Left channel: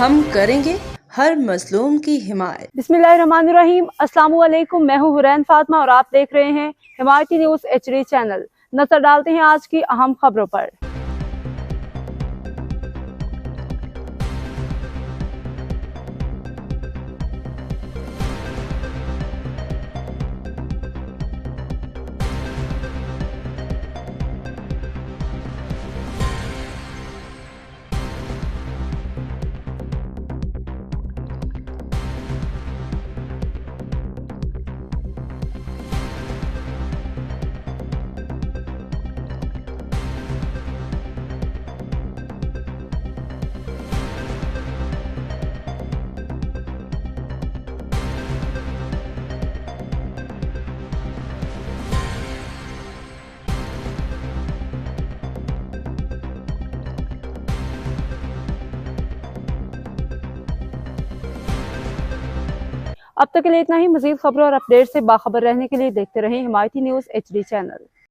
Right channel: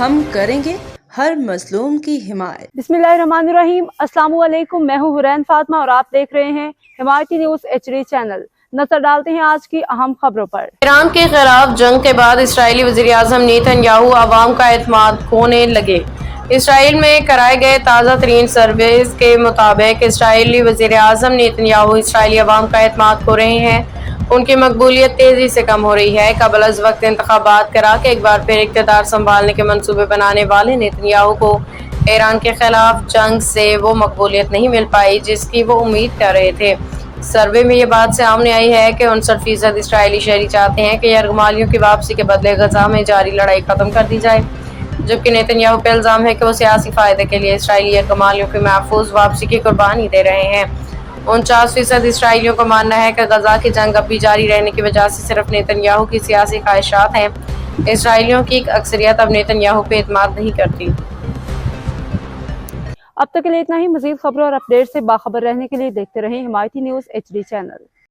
ہم کریں گے ہر مظلوم کی حمایت۔ बिस्मिल्लाहिर्रहमानिर्रहीम। अस्सलाम वालेकुम। मैं हूँ हुरैन फातिमा और आप देख रहे हैं हिमायती न्यूज़ HD चैनल। नजर डालते हैं आज की अहम खबरों पर। ईरान के खिलाफ जंग के बाद इसराइली वज़ीर-ए-आज़म नेतन्याहू अवाम का एतमाद खोने लगे। इसराइल में कराए गए ताज़ा तरीन सर्वेस के मुताबिक इसराइली वज़ीर-ए-आज़म नेतन्याहू इसराइली अवाम का एतमाद खो रहे हैं। उनकी मकबूलियत तेजी से कम हो रही है। कबल अज़ वक्त इंतखाबात करा के एक बार फिर इक़्तिदार संभालने के मंसूबे बनाने वाले नेतन्याहू को ईरान के खिलाफ जंग से वो मकबूलियत नहीं मिल पाई जिसकी वो उम्मीद कर रहे थे। सर्वे में ये बात सामने आई है कि 59% इसराइली शहरी चाहते हैं कि यरगमालियों की वापसी के बदले गजा में जारी लड़ाई खत्म कर दी जाए, जबकि नेतन्याहू पे इल्ज़ाम है कि वो सियासी फ़ायदे के लिए इसराइली यरगमालियों की महफूज वापसी की कुर्बानी दे रहे हैं। 49% इसराइलियों को मानना है कि गजा की जंग अब भी जारी रहने की वजह से सिर्फ नेतन्याहू की सियासी ख्वाहिशात हैं। इसराइलियों की एक अक्सरियत अब नेतन्याहू पे एतमाद नहीं करती। अब तक के लिए इतना ही। मज़ीद खबरों और अपडेट से बाखबर रहने के लिए देखते रहें हिमायती न्यूज़ HD चैनल।